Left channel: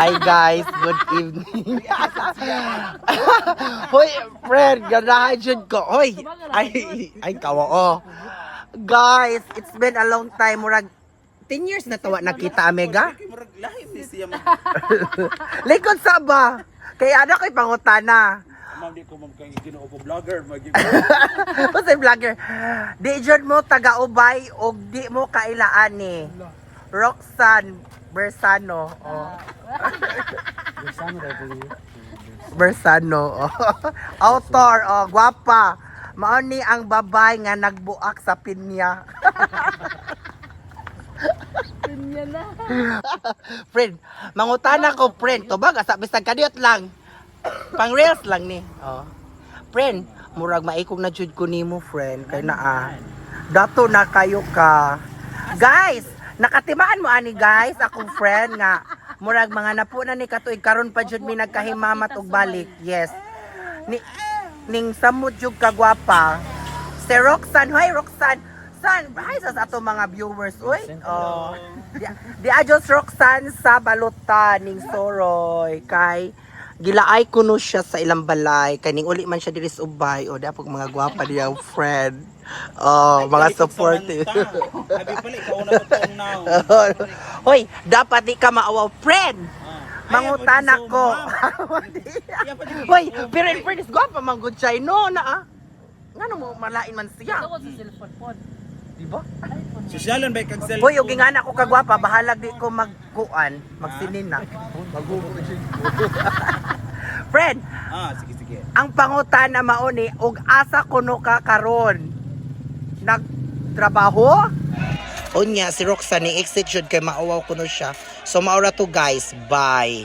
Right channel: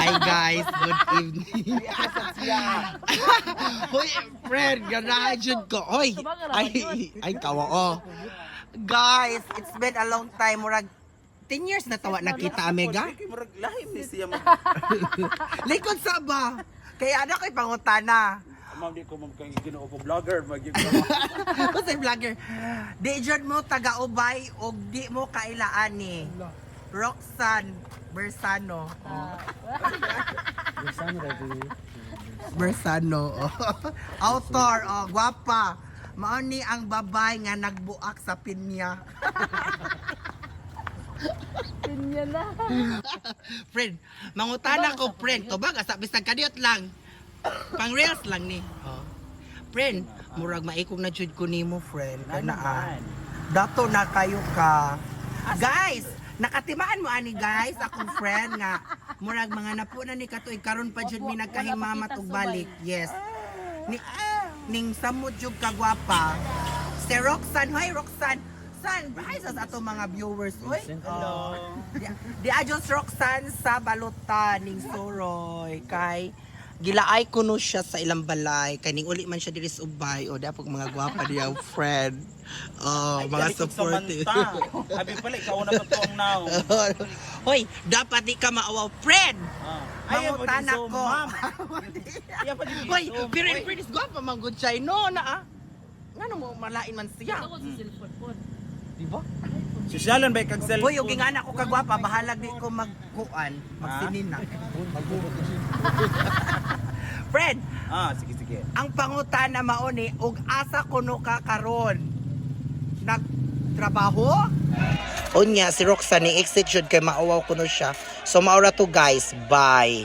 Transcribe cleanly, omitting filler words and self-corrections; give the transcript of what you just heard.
Hi guys, good evening. Hoy, friend, ganahan jud ko. Hoy, ay kawa oh. Guys, it's been a long time. Murag 10 years na tawa nakita Mega. Likod sa ba? Kaya ana ko'y pangutana. Ma'am, di ko ma'am kay Ginoo ko vlogger, Kasi vlogger. Di jud mo taga-ubay og di mo kailaan ni Roxanne Bersano. Oh. Bersano. Oh. Author, oh, gwapa. Mao ni ang babay nga nagbuak sa pinya. Pinya na. Friend, mangutana ko friend, tubag asa bisag kadiot lang. Pang reels lang ni. Oh. Friend, murag maikog na jud ko nimo friend kay naa. Dato na kayo ka. Guys, nakatimaan mo ani guys, akong friend nga murag mga napuna ni katuig karon pa jud mi nagkahimamat og balik. Yes. Ning samud jud ka gwapa. Si Roxanne, hi Roxanne. San, hi sa ato mga viewers. Uy. Oh. Di ajos Roxanne sa balutan ning Soroy kay gilaay kuno siya sa ilang balay kaning uli man siya diri sa ubay o dapog mga gwapa diya friend. Oh, mga supportive. Abi pala ikaw na matong now. Hoy, dapat di ka maawaw friend. Mangutana ko. Hoy, pero in fairness gwapa man good siya no na ah. Ngano mo malain man siya. Ako sa cellphone phone. Diba? Sosyalan ba kag cellphone? Hoy, yung ingana ko kagwapa, bahalag di ko magkuan, magsinin na. Friend, Sige. ang pangutana mauni, og asa kuno ka karon? Nagtrabaho? Unya, si Roxanne, exit jud kay maawaw kuno siya. So, maura to guys, bye.